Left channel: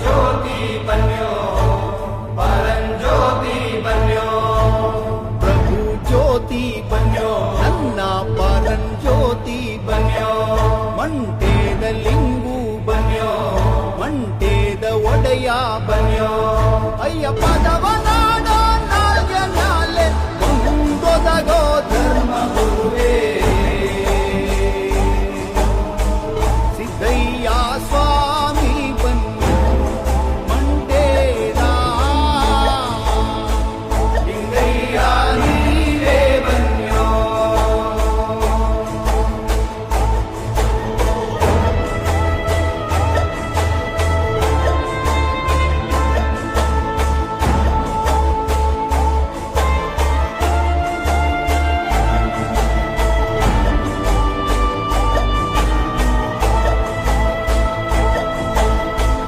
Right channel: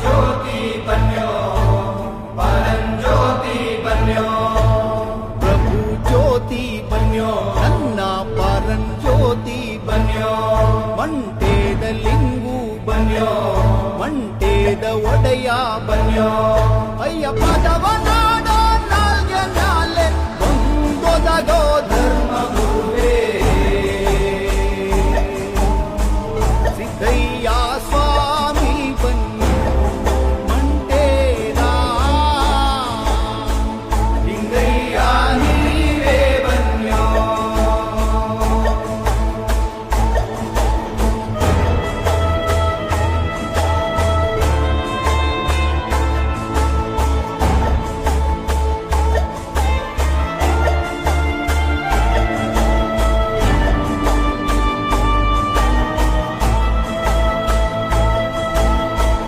ಜ್ಯೋತಿ ಬನ್ಯೋ ಪರಂಜ್ಯೋತಿ ಬನ್ಯೋ ಪ್ರಭು ಜ್ಯೋತಿ ಬನ್ಯೋ ನನ್ನ ಪರಂಜ್ಯೋತಿ ಬನ್ಯೋ ಮಂಟೇದ ಲಿಂಗು ಬನ್ಯೋ ಮಂಟೇದ ಒಡೆಯ ಬನ್ಯೋ ಅಯ್ಯಪ್ಪದವ ನಾಡೋ ನಾಲ್ಗೆ ನಾಲೆ ಒಂದೊದಗೋ ಧರ್ಮ ಗುರುವೇ ಸಿದ್ದಯ್ಯ ಸ್ವಾಮಿ